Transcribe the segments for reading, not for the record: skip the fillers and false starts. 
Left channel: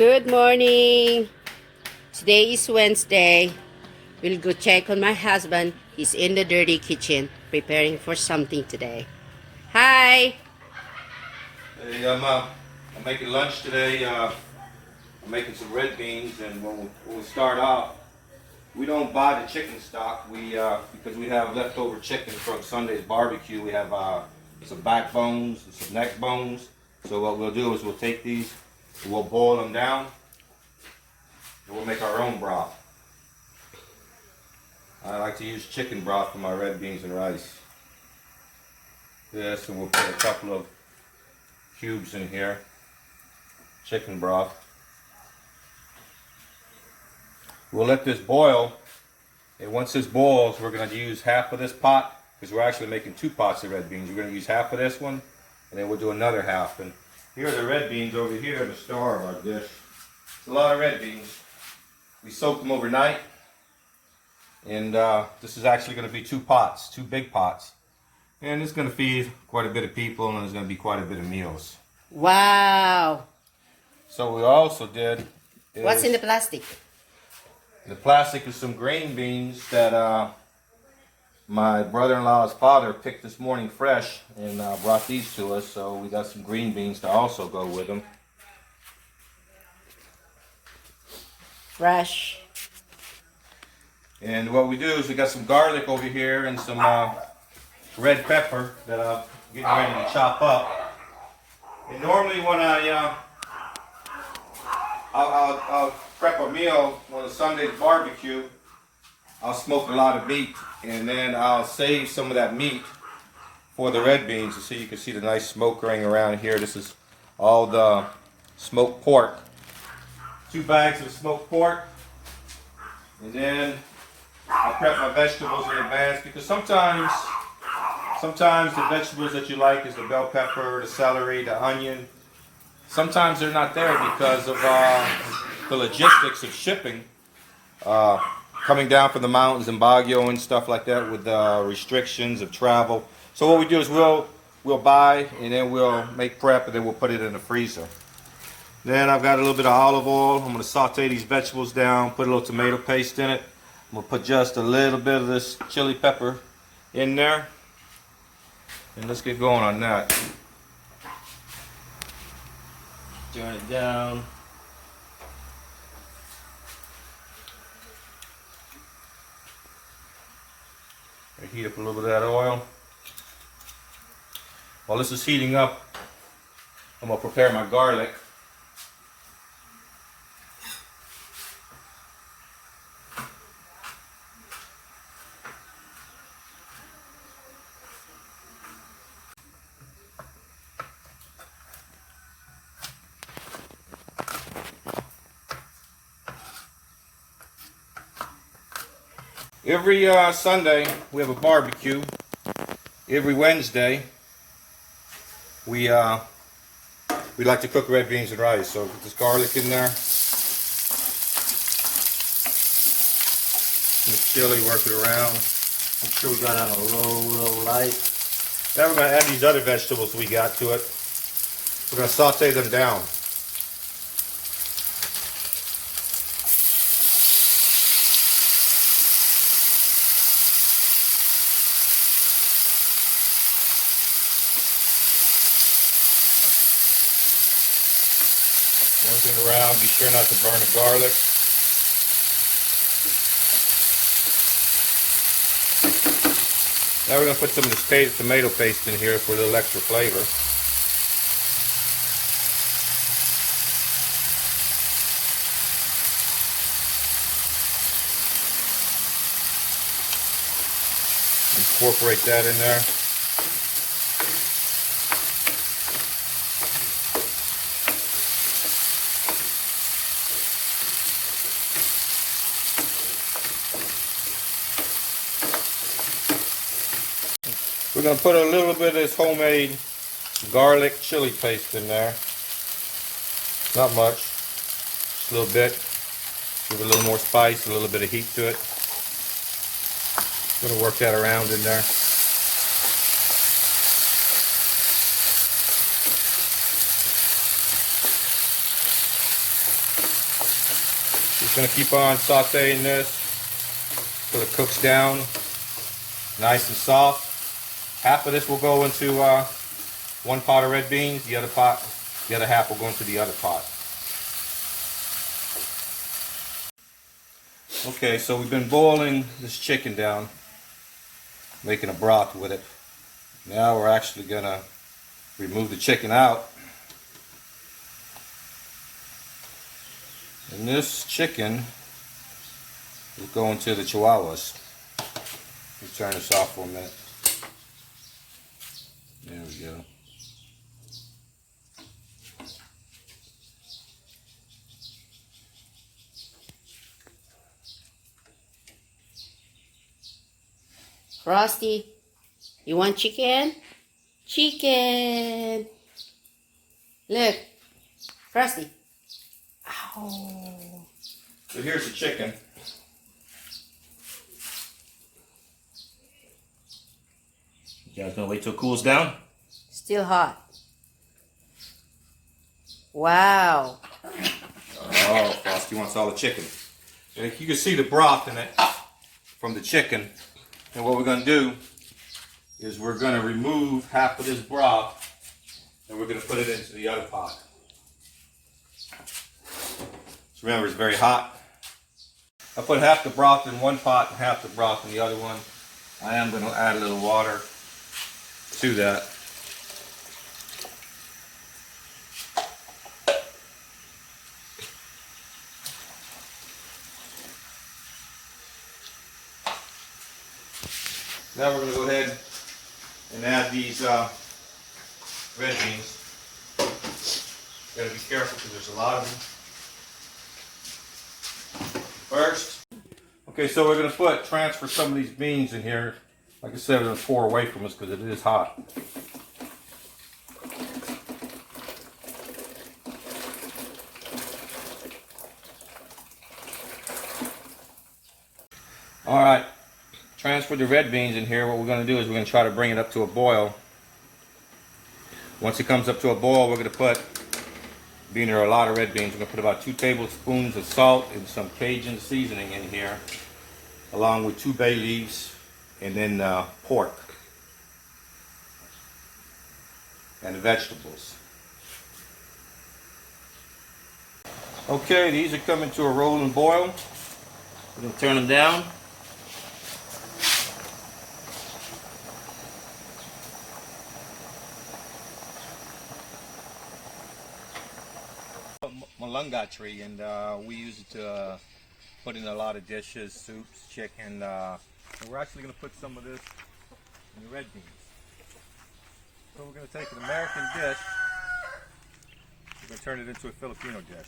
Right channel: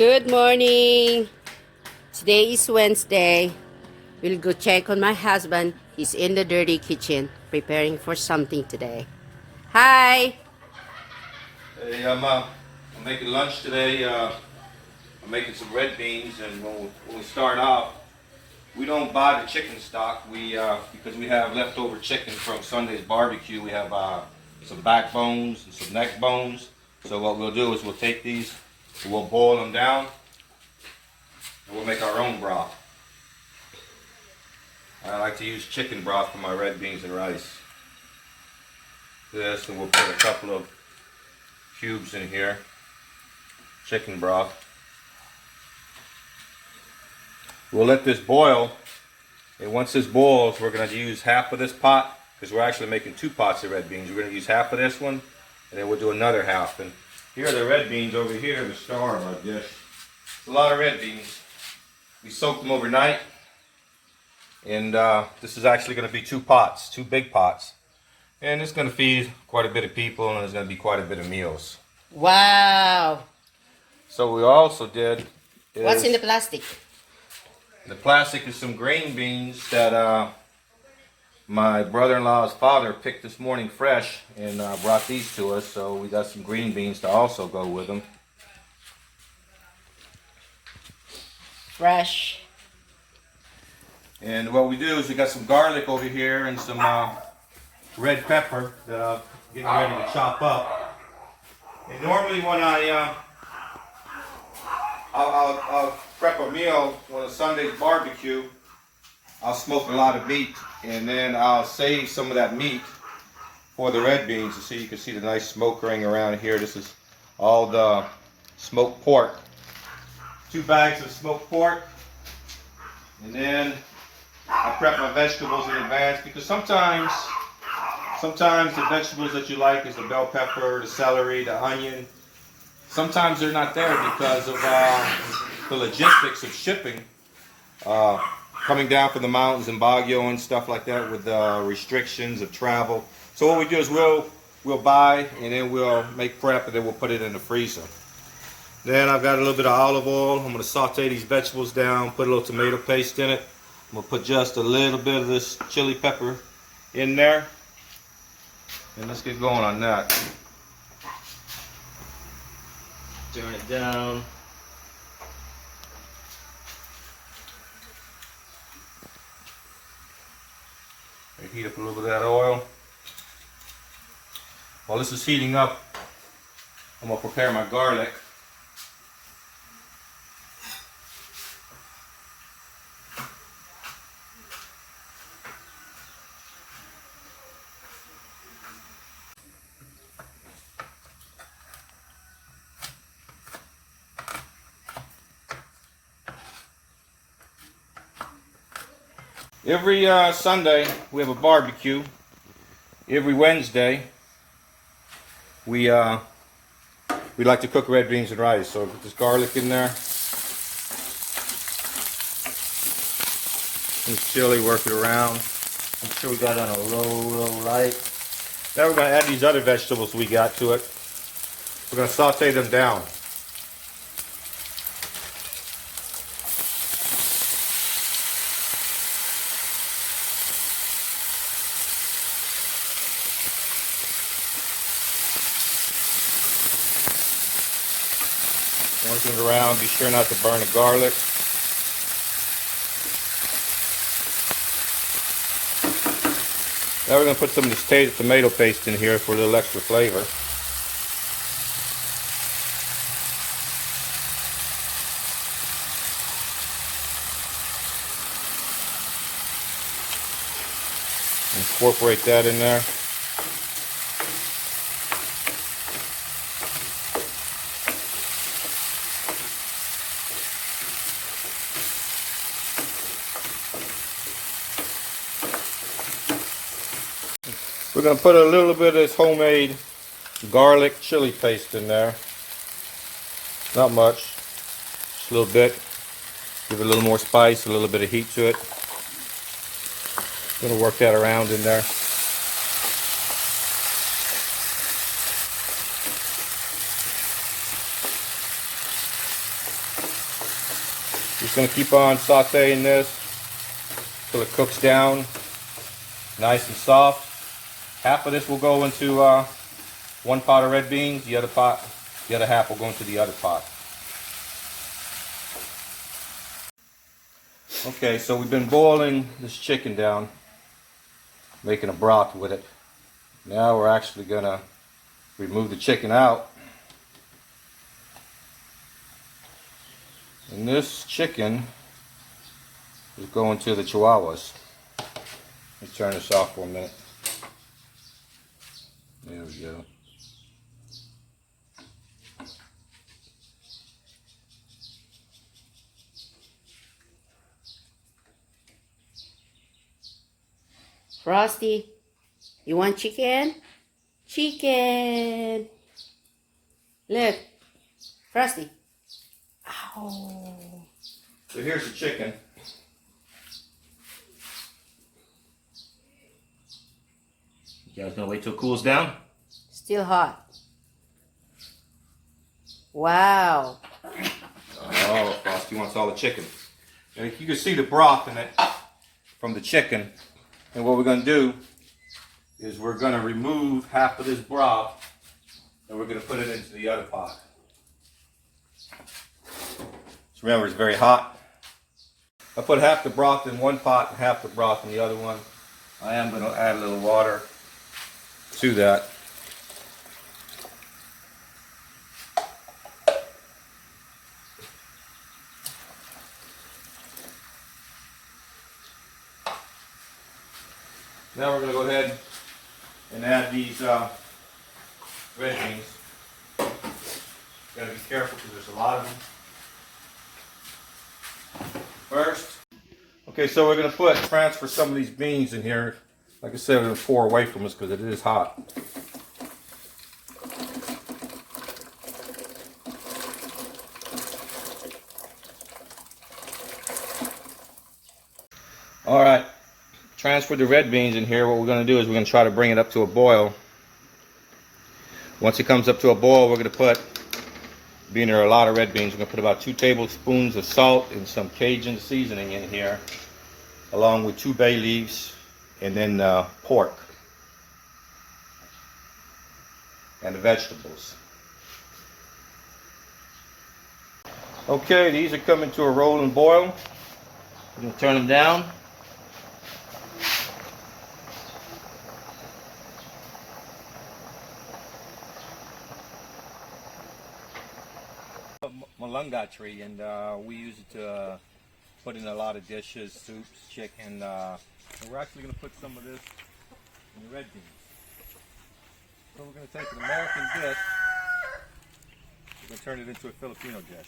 Good morning. Today is Wednesday. We'll go check on my husband. He's in the dirty kitchen preparing for something today. Hi. Hey, I'm making lunch today. I'm making some red beans, and when we start out, we don't buy the chicken stock. Because we have leftover chicken from Sunday's barbecue. We have some backbones and some neck bones. So what we'll do is we'll take these, we'll boil them down, and we'll make our own broth. I like to use chicken broth for my red beans and rice. This, and we'll put a couple of cubes in here, chicken broth. We'll let this boil, and once this boils, we're going to use half of this pot, because we're actually making 2 pots of red beans. We're going to use half of this one, and then we'll do another half. And here are the red beans over here, the star of our dish. It's a lot of red beans. We soaked them overnight, and this is actually going to be 2 pots, 2 big pots. And it's going to feed quite a bit of people, and there's going to be quite a bit of meals. Wow. So what we also did is... What's in the plastic? The plastic is some green beans that my brother-in-law's father picked this morning fresh and brought these to us. So we got some green beans to also go with them. Fresh. And what we do is we got some garlic over here and some red pepper that I'm getting ready to chop up. And normally when I'll prep a meal on a Sunday's barbecue, I'll smoke a lot of meat, and then I'll save some of that meat for the red beans. You can see the nice smoke ring around here. This is all the smoked pork. 2 bags of smoked pork, and then I prep my vegetables in advance, because sometimes the vegetables that you like is the bell pepper, the celery, the onion. Sometimes they're not there because of the logistics of shipping, coming down from the mountains in Baguio and stuff like that, with restrictions of travel. So what we do is we'll buy, and then we'll make prep, and then we'll put it in the freezer. Then I've got a little bit of olive oil. I'm going to saute these vegetables down, put a little tomato paste in it. I'm going to put just a little bit of this chili pepper in there. And let's get going on that. Turn it down. I heat up a little bit of that oil. While this is heating up, I'm going to prepare my garlic. Every Sunday we have a barbecue. Every Wednesday we like to cook red beans and rice. So put this garlic in there. Some chili, work it around. Make sure we got it on a low light. Now we're going to add these other vegetables we got to it. We're going to saute them down. Working it around, be sure not to burn the garlic. Now we're going to put some of this tomato paste in here for a little extra flavor. Incorporate that in there. We're going to put a little bit of this homemade garlic chili paste in there. Not much, just a little bit. Give it a little more spice, a little bit of heat to it. Going to work that around in there. Just going to keep on sauteing this till it cooks down nice and soft. Half of this will go into one pot of red beans. The other half will go into the other pot. Okay, so we've been boiling this chicken down, making a broth with it. Now we're actually going to remove the chicken out. And this chicken is going to the chihuahuas. Let's turn this off for a minute. There we go. Frosty, you want chicken? Chicken! Look, Frosty. Ow. So here's the chicken. You guys gonna wait till it cools down? Still hot. Wow. Oh, Frosty wants all the chicken. And you can see the broth in it from the chicken. And what we're going to do is we're going to remove half of this broth and we're going to put it into the other pot. So remember, it's very hot. I put half the broth in one pot and half the broth in the other one. I am going to add a little water to that. Now we're going to go ahead and add these red beans. Got to be careful because there's a lot of them. First, okay, so we're going to transfer some of these beans in here. Like I said, we're going to pour away from this because it is hot. All right. Transfer the red beans in here. What we're going to do is we're going to try to bring it up to a boil. Once it comes up to a boil, we're going to put, being there are a lot of red beans, we're going to put about 2 tablespoons of salt and some Cajun seasoning in here, along with 2 bay leaves, and then pork and the vegetables. Okay, these are coming to a rolling boil. We're going to turn them down. Malunga tree, and we use it to put in a lot of dishes, soups, chicken, and we're actually going to put some of this in the red beans. So we're going to take an American dish, we're going to turn it into a Filipino dish.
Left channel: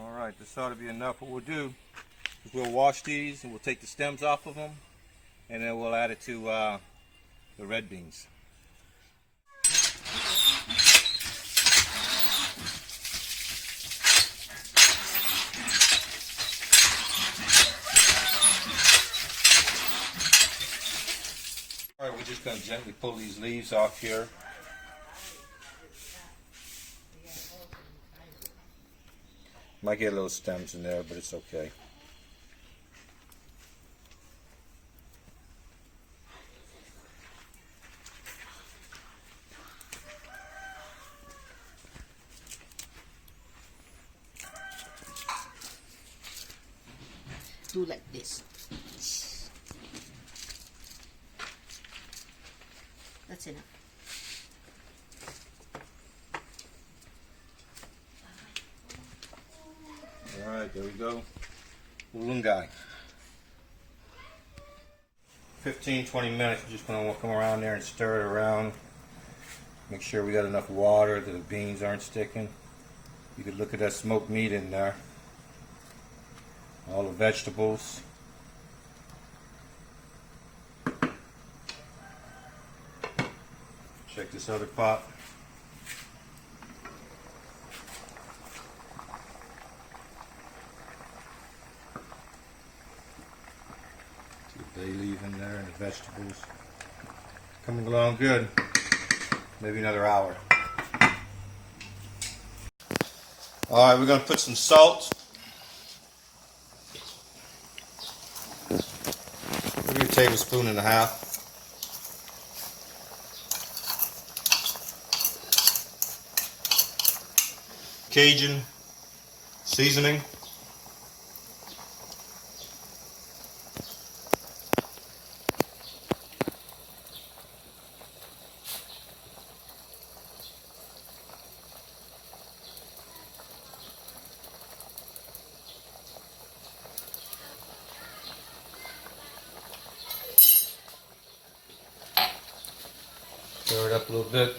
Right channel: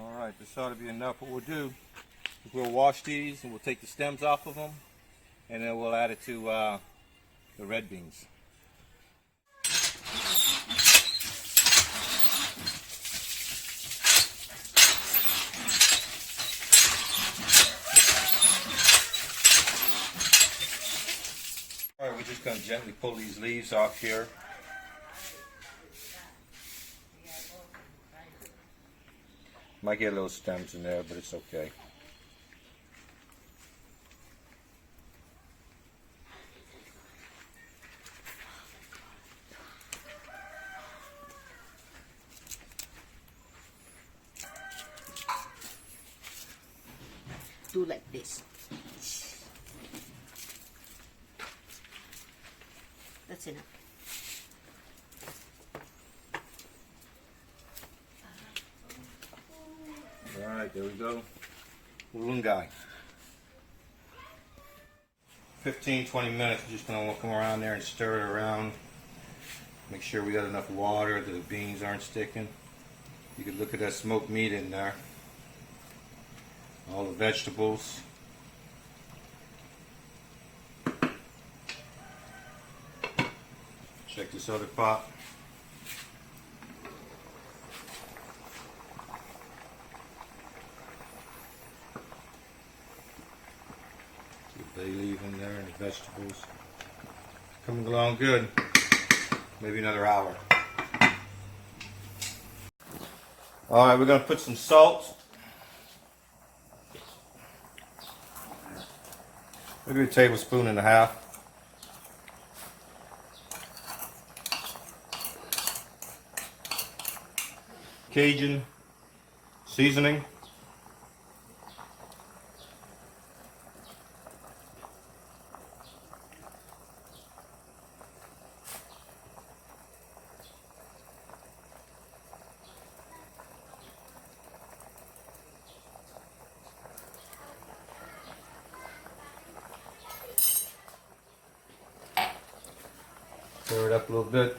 Alright, this ought to be enough. What we'll do is we'll wash these and we'll take the stems off of them and then we'll add it to the red beans. Alright, we're just going to gently pull these leaves off here. Might get little stems in there, but it's okay. Do like this. That's enough. Alright, there we go. Ulungai. 15-20 minutes, we're just going to come around there and stir it around. Make sure we got enough water that the beans aren't sticking. You can look at that smoked meat in there. All the vegetables. Check this other pot. Bay leaf in there and the vegetables. Coming along good. Maybe another hour. Alright, we're going to put some salt. Maybe a tablespoon and a half. Cajun seasoning. Stir it up a little bit.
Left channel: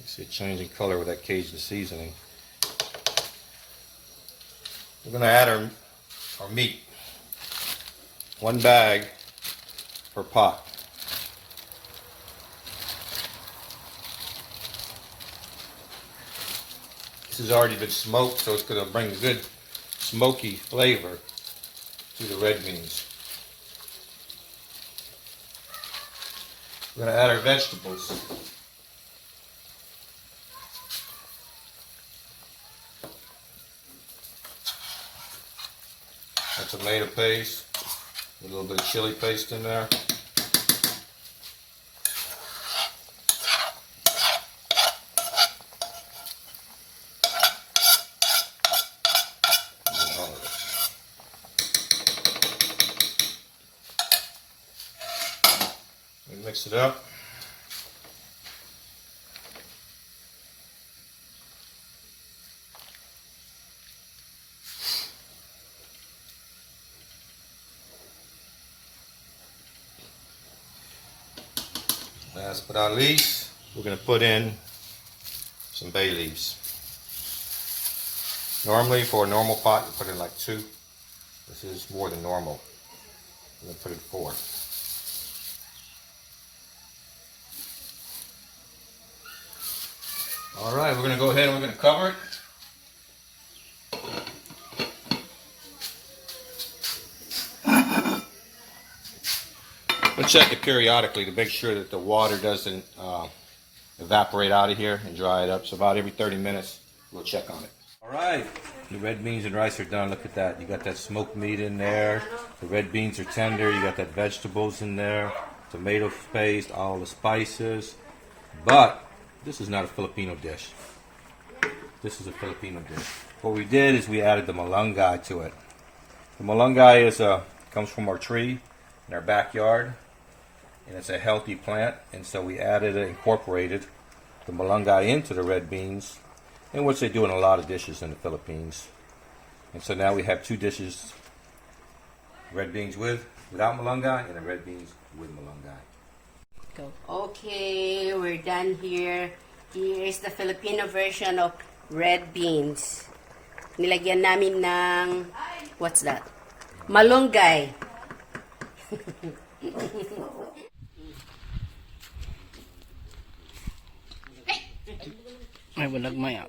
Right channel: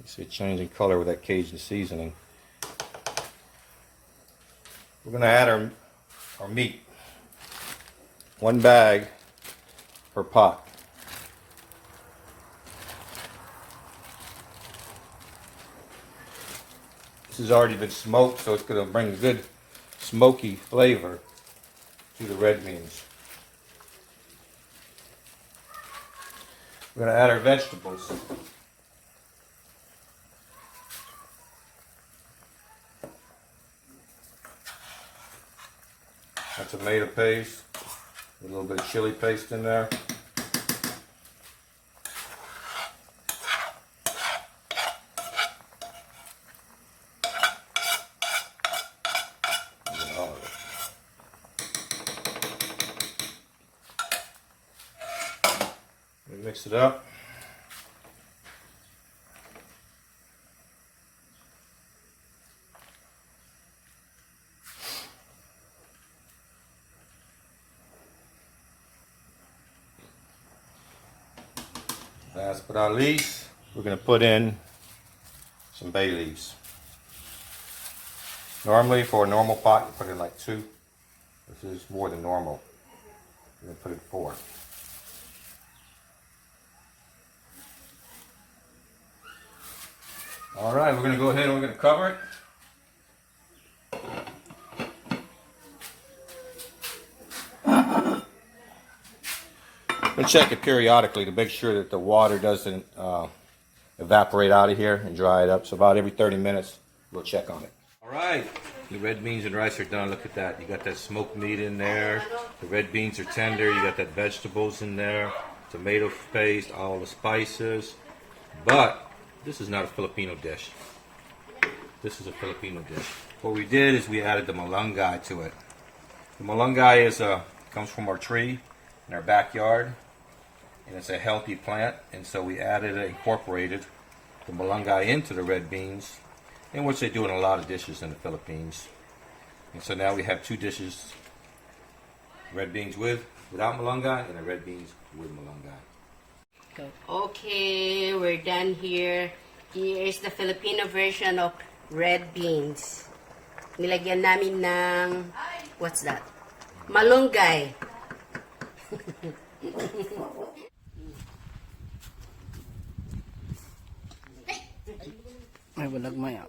You see it changing color with that Cajun seasoning. We're going to add our meat. 1 bag per pot. This has already been smoked, so it's going to bring a good smoky flavor to the red beans. We're going to add our vegetables. A tomato paste, a little bit of chili paste in there. Mix it up. Last but not least, we're going to put in some bay leaves. Normally for a normal pot, you put in like 2. This is more than normal. We're going to put in 4. Alright, we're going to go ahead and we're going to cover it. We'll check it periodically to make sure that the water doesn't evaporate out of here and dry it up. So about every 30 minutes, we'll check on it. Alright, the red beans and rice are done. Look at that. You got that smoked meat in there. The red beans are tender. You got that vegetables in there. Tomato paste, all the spices. But this is not a Filipino dish. This is a Filipino dish. What we did is we added the malunggay to it. The malunggay comes from our tree in our backyard, and it's a healthy plant. And so we incorporated the malunggay into the red beans, in which they do in a lot of dishes in the Philippines. And so now we have 2 dishes: red beans without malunggay, and the red beans with malunggay. Go. Okay, we're done here. Here is the Filipino version of red beans. Nilagyan namin ng, what's that? Malunggay. Ay, walag maya.